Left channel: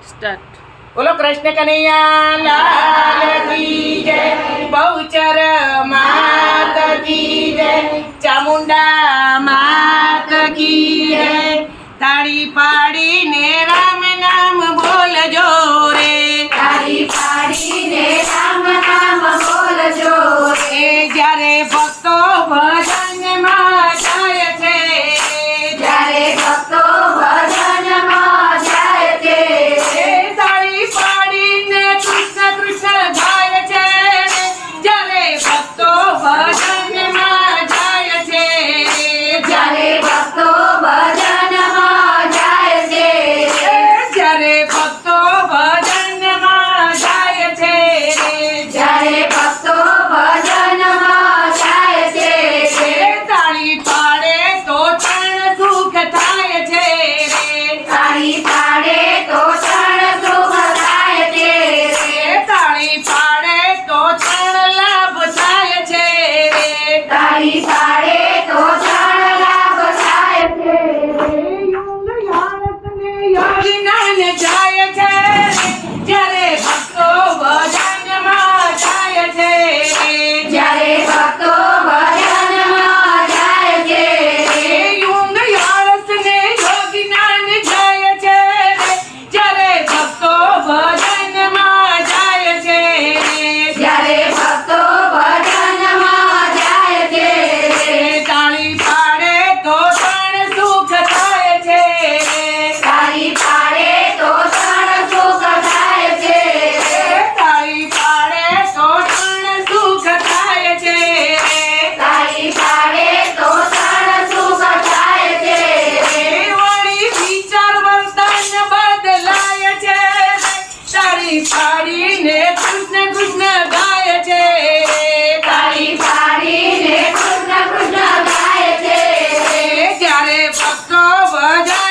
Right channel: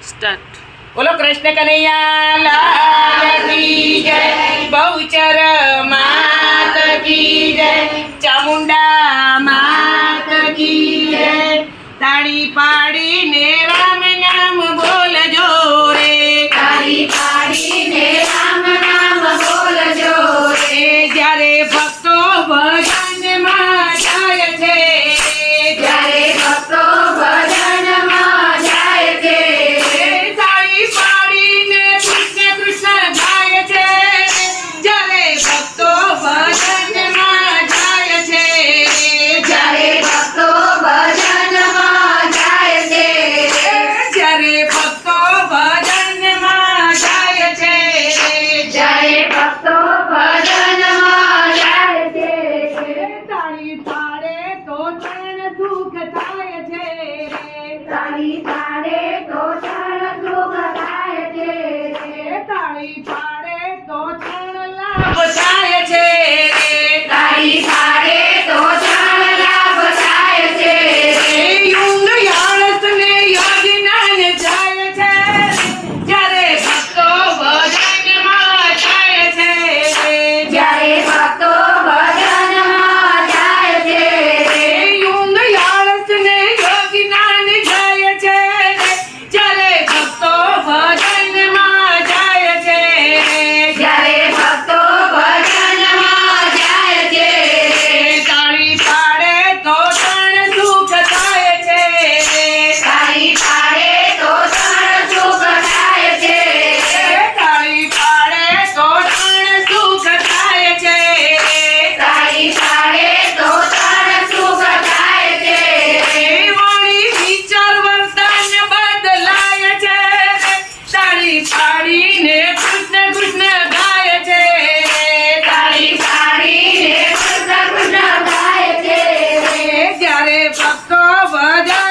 Start. બોલો કૃષ્ણ કનૈયા લાલ કી જય, બહુચર માત કી જય, ચામુંડા માત કી જય. તાળી પાડીને રામ નામ બોલજો રે, તાળી પાડીને રામ નામ બોલજો રે. જ્યારે ભક્તો ભજનમાં જાય છે, જ્યારે ભક્તો ભજનમાં જાય છે. તાળી પાડીને કૃષ્ણ કૃષ્ણ ગાય છે, જ્યારે ભક્તો ભજનમાં જાય છે, જ્યારે ભક્તો ભજનમાં જાય છે. જ્યારે ભક્તો ભજનમાં જાય છે, જ્યારે ભક્તો ભજનમાં જાય છે. તાળી પાડે તો તણ સુખ થાય છે રે, તાળી પાડે તો ક્ષણ સુખ થાય છે. તાળી પાડે તો તણ લાભ થાય છે રે, તાળી પાડે તો ક્ષણ લાભ થાય છે. યુંગ યાળસને યોગીનાને જાય છે, જ્યારે ભક્તો ભજનમાં જાય છે, જ્યારે ભક્તો ભજનમાં જાય છે. યુંગ યાળસને યોગીનાને જાય છે, જ્યારે ભક્તો ભજનમાં જાય છે, જ્યારે ભક્તો ભજનમાં જાય છે. તાળી પાડે તો તણ સુખ થાય છે, તાળી પાડે તો ક્ષણ સુખ થાય છે. તાળી પાડે તો તણ સુખ થાય છે, તાળી પાડે તો ક્ષણ સુખ થાય છે. વળી વિચાર વર્તન બદલાય છે, તાળી પાડીને કૃષ્ણ કૃષ્ણ ગાય છે, તાળી પાડીને કૃષ્ણ કૃષ્ણ ગાય છે. જ્યારે ભક્તો ભજા